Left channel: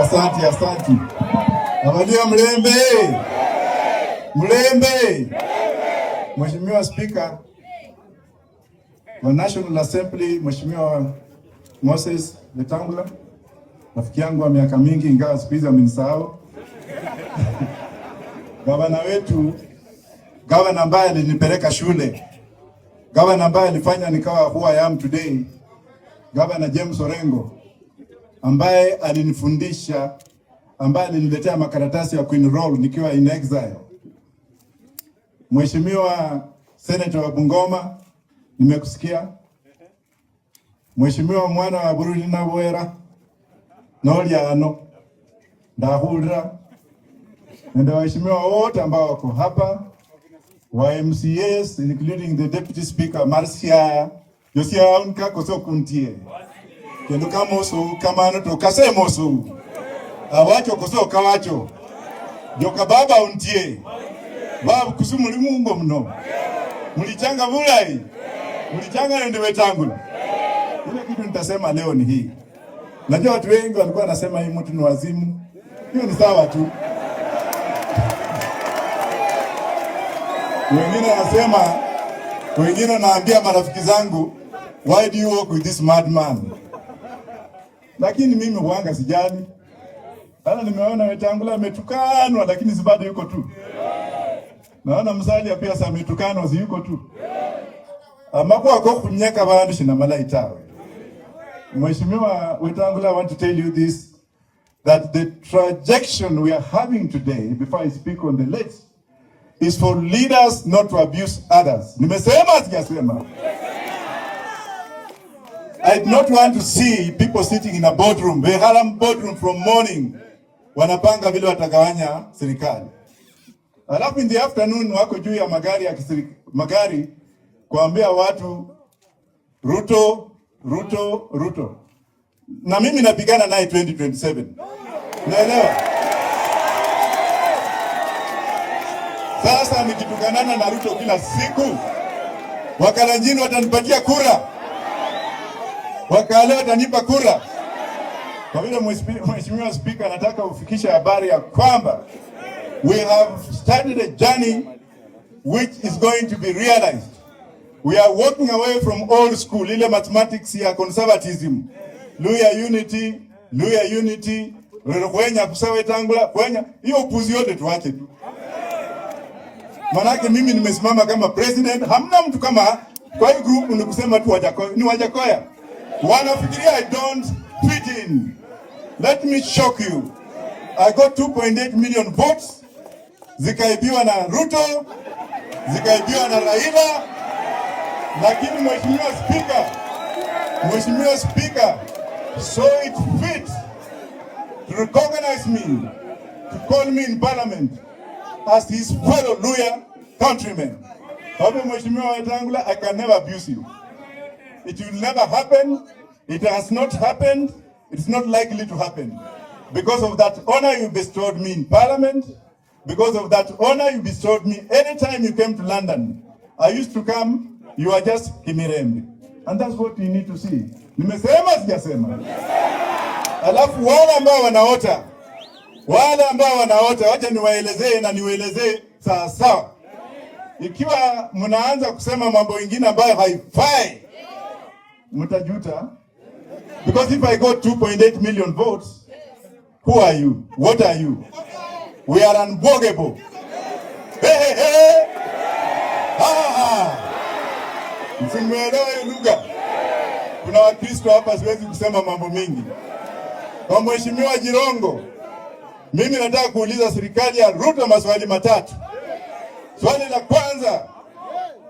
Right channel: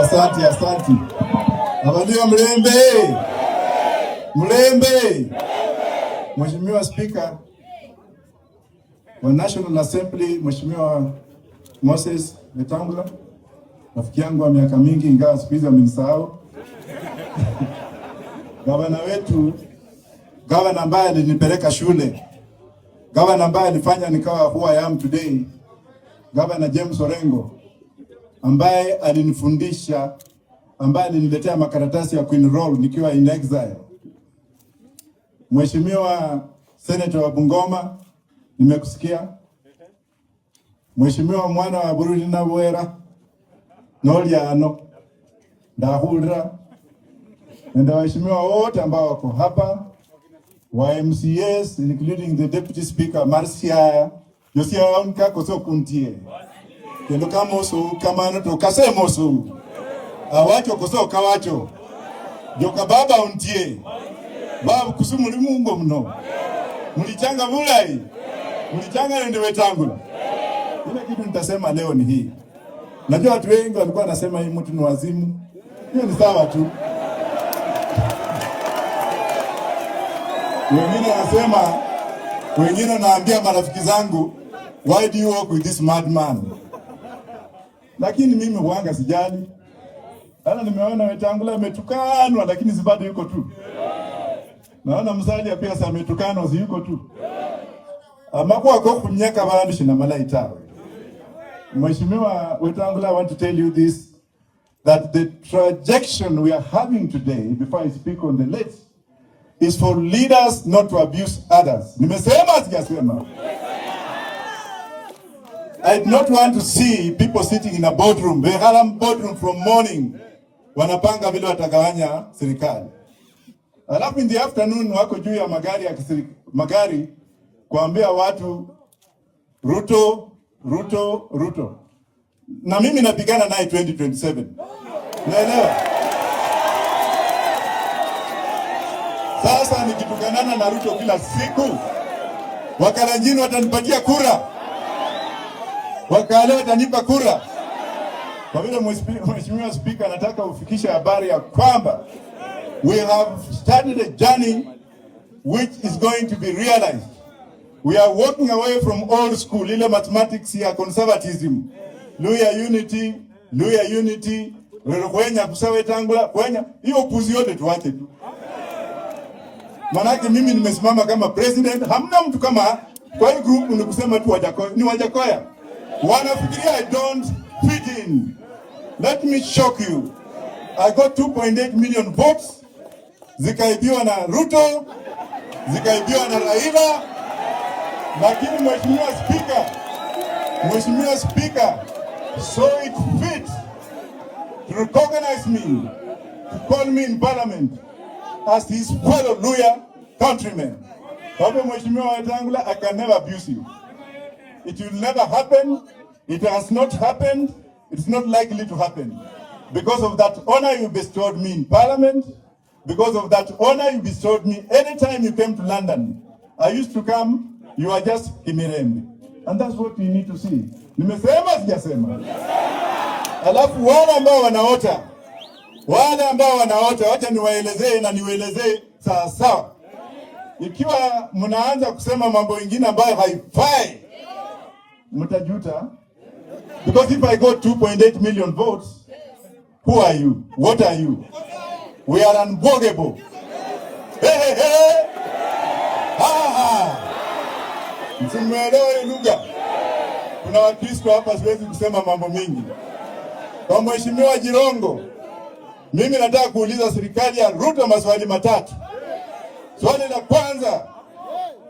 Asante. Abadia Mlembe. Mheshimiwa Speaker wa National Assembly, Mheshimiwa Moses Wetangula, rafiki yangu wa miaka mingi ingawa siku hizi amenisahau. Gavana wetu, gavana ambaye alinipeleka shule, gavana ambaye alifanya nikawa who I am today, Gavana James Orengo, ambaye alinifundisha, ambaye aliniletea makaratasi ya kuenroll nikiwa in exile. Mheshimiwa Senator wa Bungoma, nimekusikia. Mheshimiwa mwana wa Bururi na Bwera, Noliano, Ndahura, na waheshimiwa wote ambao wako hapa, wa MCAs including the Deputy Speaker Marcia, Josia Unka koso kuntie. Kendo kamoso kamano to kasemoso. Awacho koso kawacho. Joka baba untie. Babu kusumuli mungo mno. Mulichanga bulai. Mulichanga nende Wetangula. Ile kitu nitasema leo ni hii. Najua watu wengi walikuwa wanasema hii mtu ni wazimu. Hiyo ni sawa tu. Wengine naambia marafiki zangu, why do you work with this madman? Lakini mimi huanga sijali. Hata nimeona Wetangula ametukanwa lakini zibado yuko tu. Naona Musalia pia sasa ametukanwa yuko tu. Amakuwa kwa kunyaka bandu shina malaita. Mheshimiwa Wetangula, I want to tell you this, that the trajectory we are having today, before I speak on the list, is for leaders not to abuse others. Nimesema sijasema. I do not want to see people sitting in a boardroom, they have a boardroom from morning, wanapanga vile watagawanya serikali. Alafu in the afternoon wako juu ya magari kuambia watu Ruto. Na mimi napigana naye 2027. Unaelewa? Sasa nikitukanana na Ruto kila siku, Wakalenjin watanipatia kura. Wakale watanipa kura. Kwa vile Mheshimiwa Speaker, nataka ufikisha habari ya kwamba we have started a journey which is going to be realized. We are walking away from old school, ile mathematics ya conservatism. Luya unity, kwenya Wetangula, kwenya. Hiyo upuzi yote tuache tu. Manake mimi nimesimama kama president, hamna mtu kama kwa hii group ni kusema tu Wajakoya. Wanafikiria I don't fit in. Let me shock you. I got 2.8 million votes. Zikaibiwa na Ruto, zikaibiwa na Raila. Lakini Mheshimiwa Speaker, so it fit to recognize me, to call me in parliament as his fellow Luya countrymen. Mheshimiwa Wetangula, I can never abuse you. It will never happen. It has not happened. It's not likely to happen. Because of that honor you bestowed me in parliament, because of that honor you bestowed me anytime you came to London. I used to come, you are just Kimirembe. And that's what you need to see. Nimesema sijasema. Alafu wale ambao wanaota, wacha niwaelezee sawa. Ikiwa mnaanza kusema mambo mengine ambayo haifai, mtajuta. Because if I got 2.8 million votes, who are you? What are you? We are unbogable. Hey. Msimuelewe lugha. Kuna Wakristo hapa, siwezi kusema mambo mingi. Kwa Mheshimiwa Jirongo, mimi nataka kuuliza serikali ya Ruto maswali matatu. Swali la kwanza,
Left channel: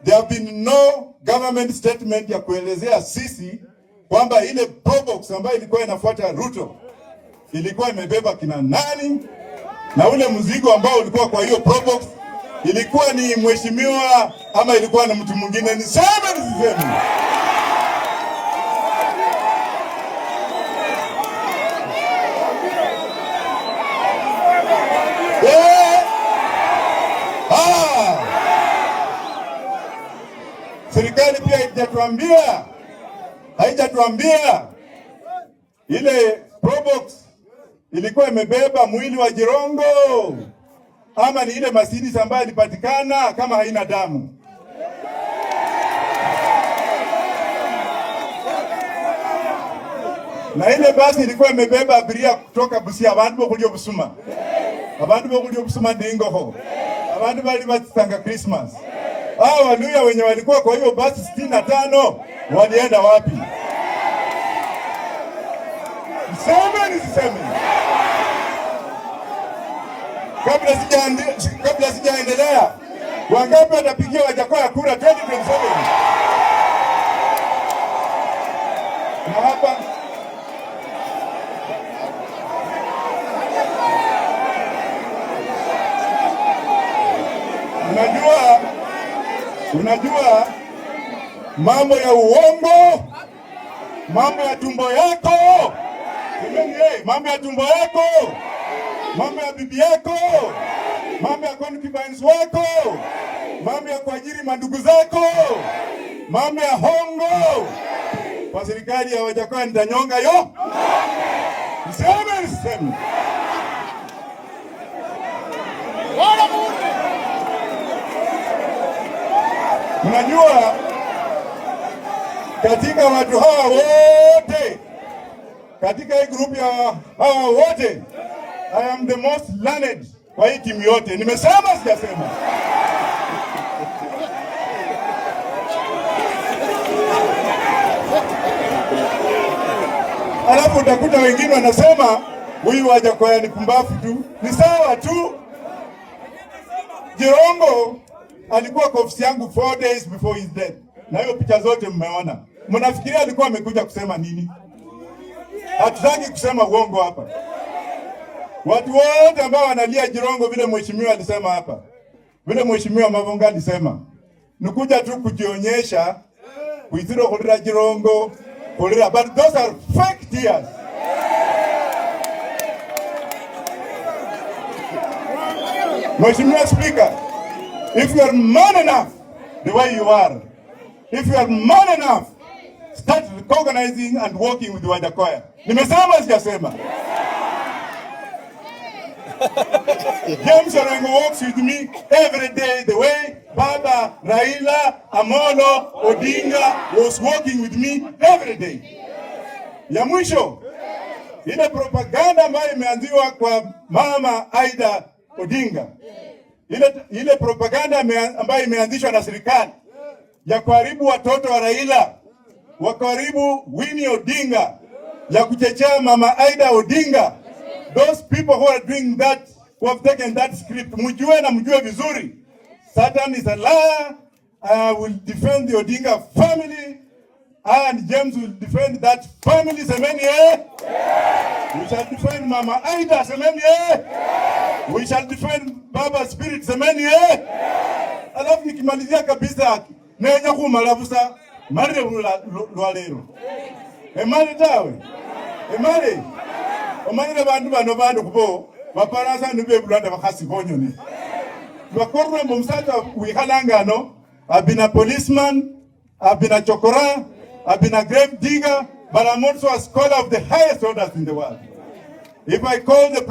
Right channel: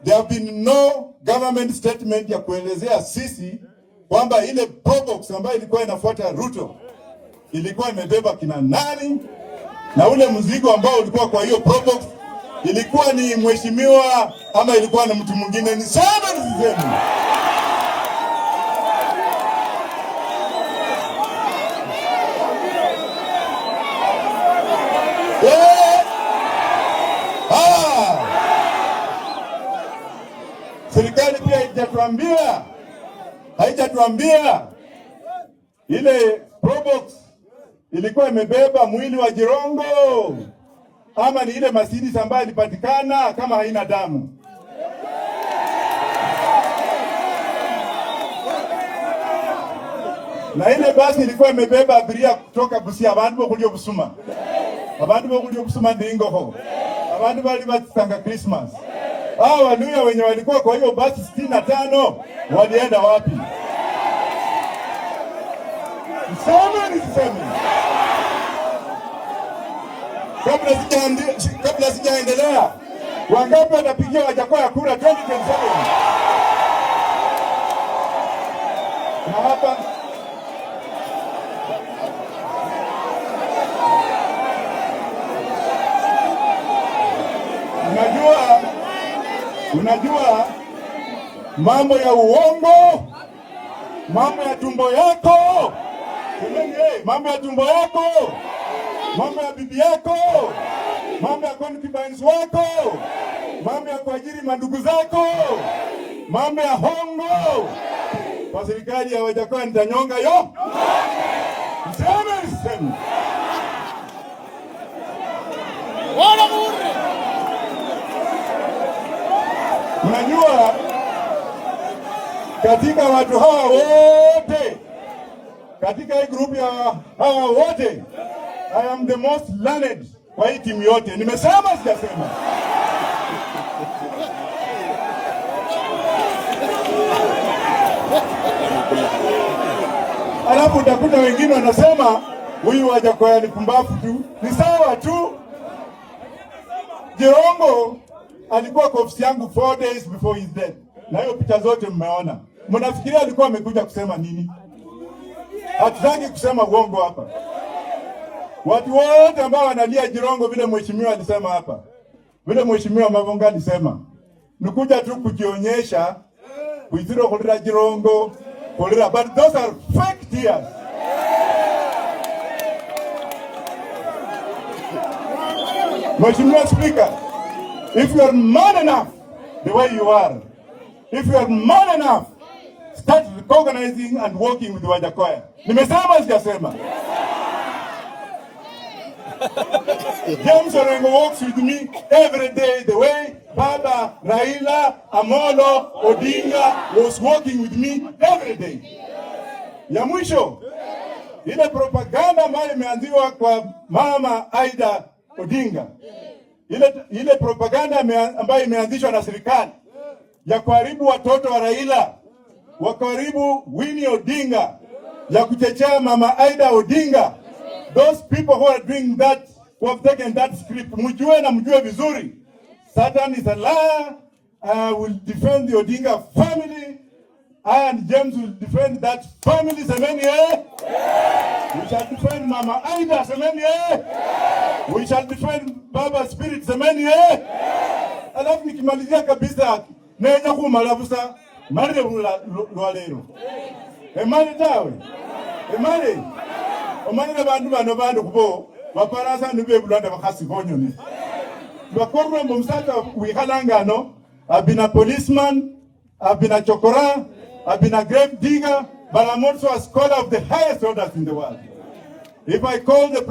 there have been no government statement ya kuelezea sisi kwamba ile probox ambayo ilikuwa inafuata Ruto ilikuwa imebeba kina nani, na ule mzigo ambao ulikuwa kwa hiyo probox ilikuwa ni mheshimiwa ama ilikuwa na mtu mwingine. Ni sawa nisiseme. Serikali pia haijatuambia ile probox ilikuwa imebeba mwili wa Jirongo ama ni ile Mercedes ambayo ilipatikana kama haina damu? Na ile basi ilikuwa imebeba abiria kutoka Busia, abantu bokulyo Busuma, abantu bokulyo Busuma ndingoho, abantu bali batanga Christmas. Hao wanuya wenye walikuwa kwa hiyo basi 65 walienda wapi? Niseme. Kabla sijaendelea, wangapi watapigia Wajakoya kura 2027? Na hapa unajua mambo ya uongo, mambo ya tumbo yako, mambo ya tumbo yako, mambo ya bibi yako, mambo ya concubines wako, mambo ya kuajiri mandugu zako, mambo ya hongo kwa serikali ya Wajakoya nitanyonga yo. Niseme. Unajua katika watu hawa wote, katika hii group ya hawa wote, I am the most learned kwa hii timu yote. Nimesema sijasema? Alafu utakuta wengine wanasema huyu Wajakoya ni pumbafu tu. Ni sawa tu. Jirongo alikuwa kwa ofisi yangu 4 days before his death. Na hiyo picha zote mmeona. Mnafikiria alikuwa amekuja kusema nini? Hatutaki kusema uongo hapa. Watu wote ambao wanalia Jirongo vile mheshimiwa alisema hapa, vile mheshimiwa Mavunga alisema, nikuja tu kujionyesha kuitiro kulira Jirongo kulira, but those are fake tears. Mheshimiwa Speaker, if you are man enough the way you are, if you are man enough, start recognizing and working with Wajakoya. Nimesema sijasema? James Orengo works with me every day the way Baba Raila Amolo Odinga was working with me every day. Ya mwisho, ile propaganda ambayo imeanziwa kwa Mama Aida Odinga, ile propaganda ambayo imeanzishwa na serikali ya kuharibu watoto wa Raila, wakaribu Winnie Odinga, ya kuchechea Mama Aida Odinga. Those people who are doing that, who have taken that script, mjue na mjue vizuri, Satan is a liar. I will defend the Odinga family, and James will defend that family. Semeni We shall defend Mama Aida. Semeni We shall defend Baba Spirit. Semeni Alafu nikimalizia kabisa, nenya kumalabusa mali lwalero. Emali tawe. Emali. Omanyira bantu kubo baparasa nube bulanda bakasi bonyone. Bakorwa mumsata wihalangano. I've been a policeman, I've been a chokora, I've been a grave digger, but I'm also a scholar of the highest orders in the world. If I call the